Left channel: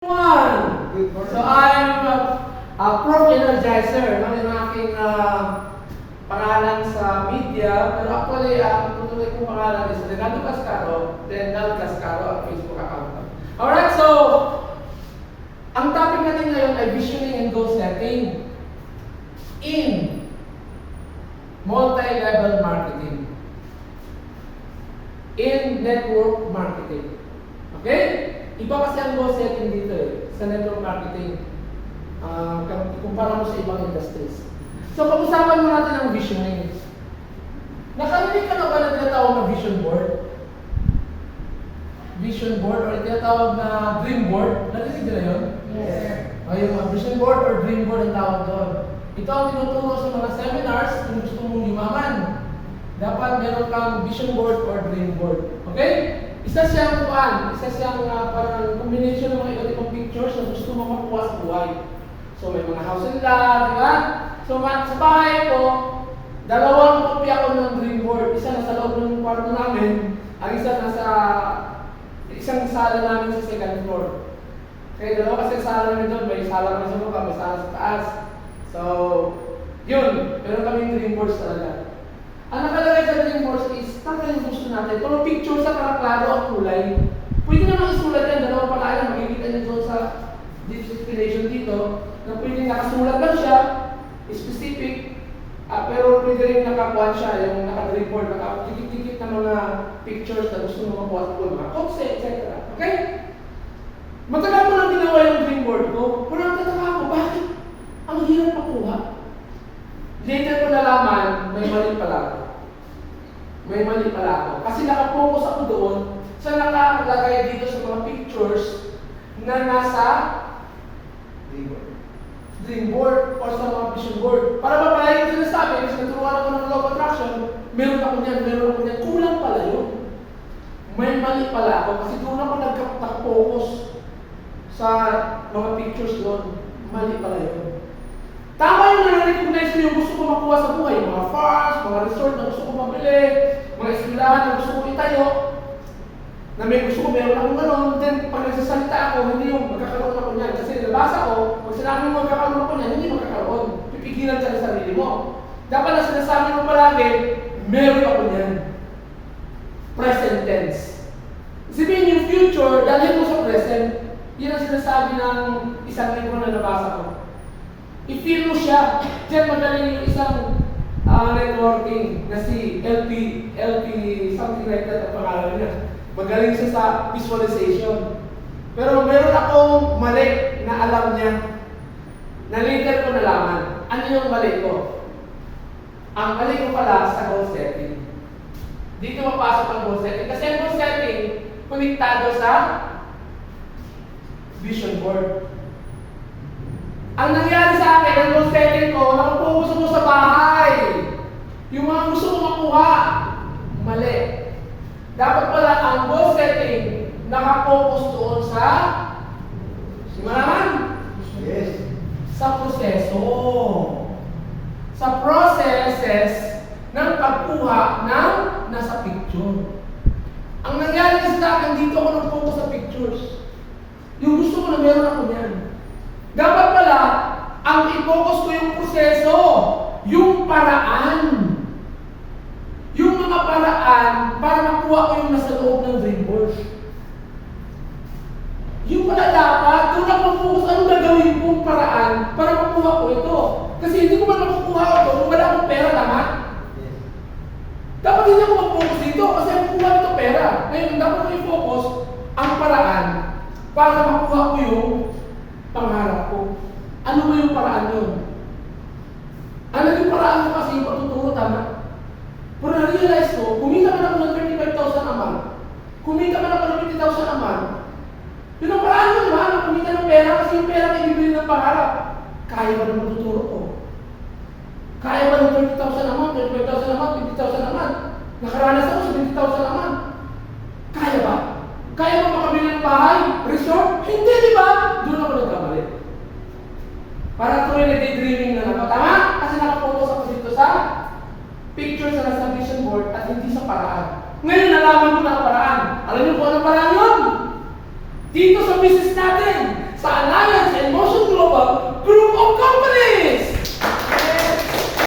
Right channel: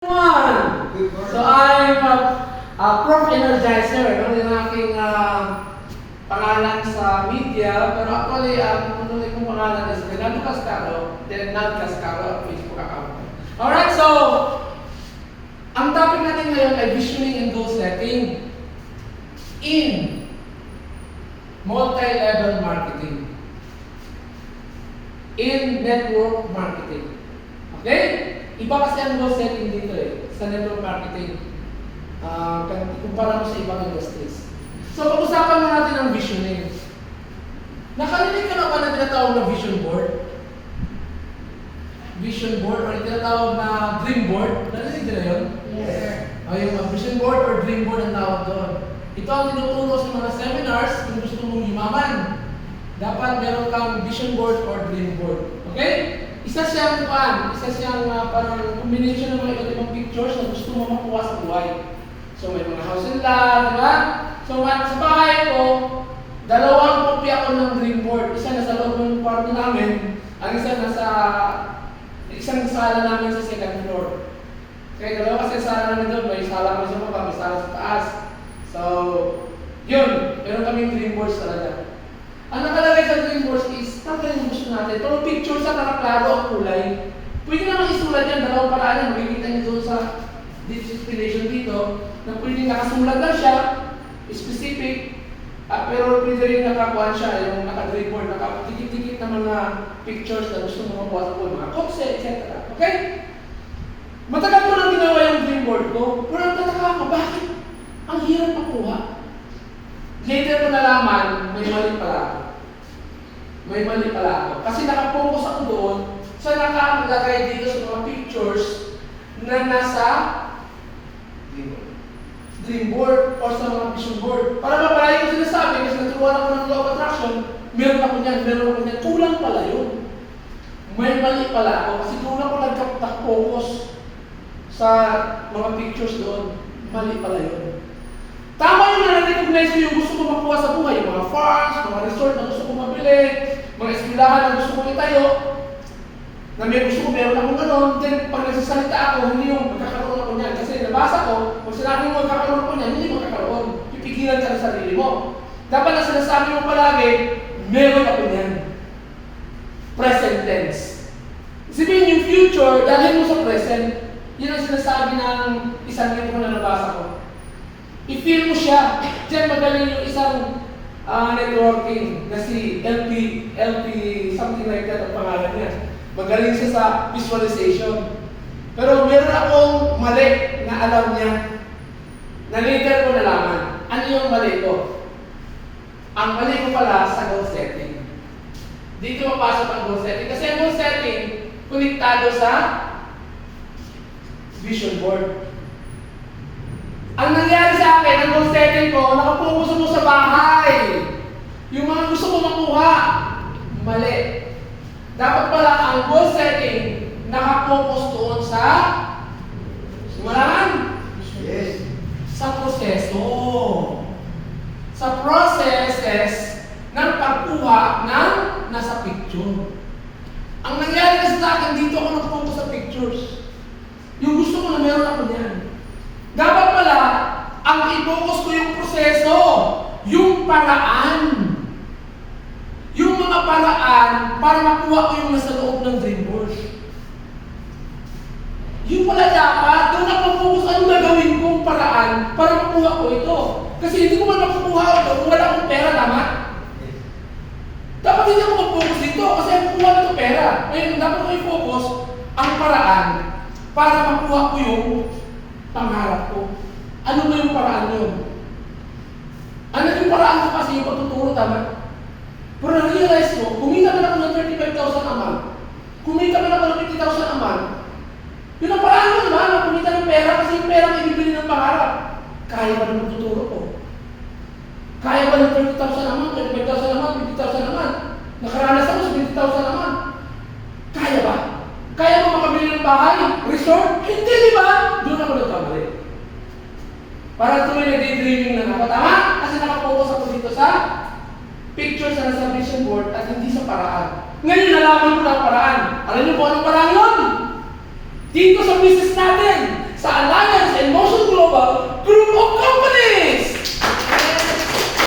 So I'm a Prof. Energizer. Ano yung aking pangalan sa media. Pero actually, kung yung pangalan is Denado Cascaro, Denado Cascaro ang Facebook account. Alright, so ang topic natin ngayon ay visioning and goal setting in multi-level marketing. In network marketing. Okay? Iba kasi ang goal setting dito sa network marketing. Kumpara mo sa ibang industries. So, pag-usapan mo natin ang visioning. Nakarinig ka na ba na tinatawag na vision board? Vision board or tinatawag na dream board? Narinig nila yun? Yes. O yung vision board or dream board ang tawag doon. Ito ang tinuturo sa mga seminars kung gusto mong yumaman. Dapat meron kang vision board or dream board. Okay? Isa siyang parang combination ng mga iba't ibang pictures na gusto mo makuha sa buhay. So may mga house and lot, di ba? So sa bahay ko, dalawang kopya ako ng dream board. Isa nasa loob ng kwarto namin, ang isa nasa isang sala namin sa second floor. Kaya dalawa kasi sala namin doon, may sala kami sa baba, may sala sa taas. So, yun, meron kaming dream boards talaga. Ang nakalagay sa dream boards is, tanggalin yung gusto natin. Pero picture sa klaro ang kulay. Pwede naman isulat yan, dalawang paraan. Makikita niyo doon sa displayation dito, na pwede nakasulat lang siya, specific, pero pwede rin nakakuha siya, yung naka-dream board, nakatikit-tikit na mga pictures na gusto mo makuha sa kulay, mga kotse, etc. Okay? Matagal ko lang ginawa yung dream board ko, pero nagtataka ako, bakit? Ang hirap makuha. Later ko nalaman, may mali pala ako. May mali pala ako. Kasi nakapokus ako doon sa nakalagay dito sa mga pictures na nasa dream board or sa mga vision board. Para mapalaya ko sinasabi, kasi naturuan ako ng law of attraction, meron ako niyan. Kulang pala yun. May mali pala ako kasi doon ako nagkaptak-focus sa mga pictures doon. Mali pala yun. Tama yung na-recognize ko yung gusto ko makuha sa buhay. Yung mga farms, mga resort na gusto ko mabili, mga eskwelahan na gusto ko itayo, na may gusto ko, meron akong gano'n. Then, pag nagsasalita ako, hindi yung magkakaroon ako niyan. Kasi nabasa ko, pag sinabi mo magkakaroon ako niyan, hindi magkakaroon. Pipigilan ka sa sarili mo. Dapat na sinasabi mo palagi, meron ako niyan. Present tense. Sabihin yung future, dalhin mo sa present. Yan ang sinasabi ng isang libro na nabasa ko. I-feel mo siya. Diyan magaling yung isang networking na si LP, something like that ang pangalan niya. Magaling siya sa visualization. Pero meron akong mali na alam niya na later ko nalaman. Ano yung mali ko? Ang mali ko pala sa goal setting. Dito mapasok ang goal setting. Kasi ang goal setting, konektado sa vision board. Ang nangyari sa akin, ang goal setting ko, nakapokus mo sa bahay. Yung mga gusto mo makuha, mali. Dapat pala ang goal setting, nakapokus doon sa simulan? Yes. Sa proseso. Sa processes ng pagkuha ng nasa picture. Ang nangyari kasi sa akin, dito ako nakapokus sa pictures. Yung gusto ko na meron ako niyan. Dapat pala, ang i-focus ko yung proseso, yung paraan. Yung mga paraan para makuha ko yung nasa loob ng dream board. Yung pala dapat, doon ako focus anong gagawin kong paraan para makuha ko ito. Kasi hindi ko man makukuha ito kung wala akong pera, tama? Dapat hindi ako mag-focus dito kasi ang kukuha nito pera. Ngayon, dapat ko i-focus ang paraan para makuha ko yung pangarap ko. Ano ba yung paraan yun? Ano yung paraan ko kasi yung patuturo, tama? Pero na-realize ko, kumita man ako ng 35,000 a month, kumita man ako ng 50,000 a month, yun ang paraan ko naman, kumita ng pera kasi yung pera na ibibili ng pangarap. Kaya ba ng patuturo ko? Kaya ba ng 20,000 a month, 25,000 a month, 50,000 a month? Nakaranas ako sa 20,000 a month. Kaya ba? Kaya ba makabili ng bahay? Resort? Hindi, di ba? Doon ako nagkamali. Para tuloy na daydreaming na ako. Tama? Kasi nakapokus ako dito sa pictures na nasa vision board at hindi sa paraan. Ngayon nalaman ko na ang paraan. Alam niyo po anong paraan yun? Dito sa business natin,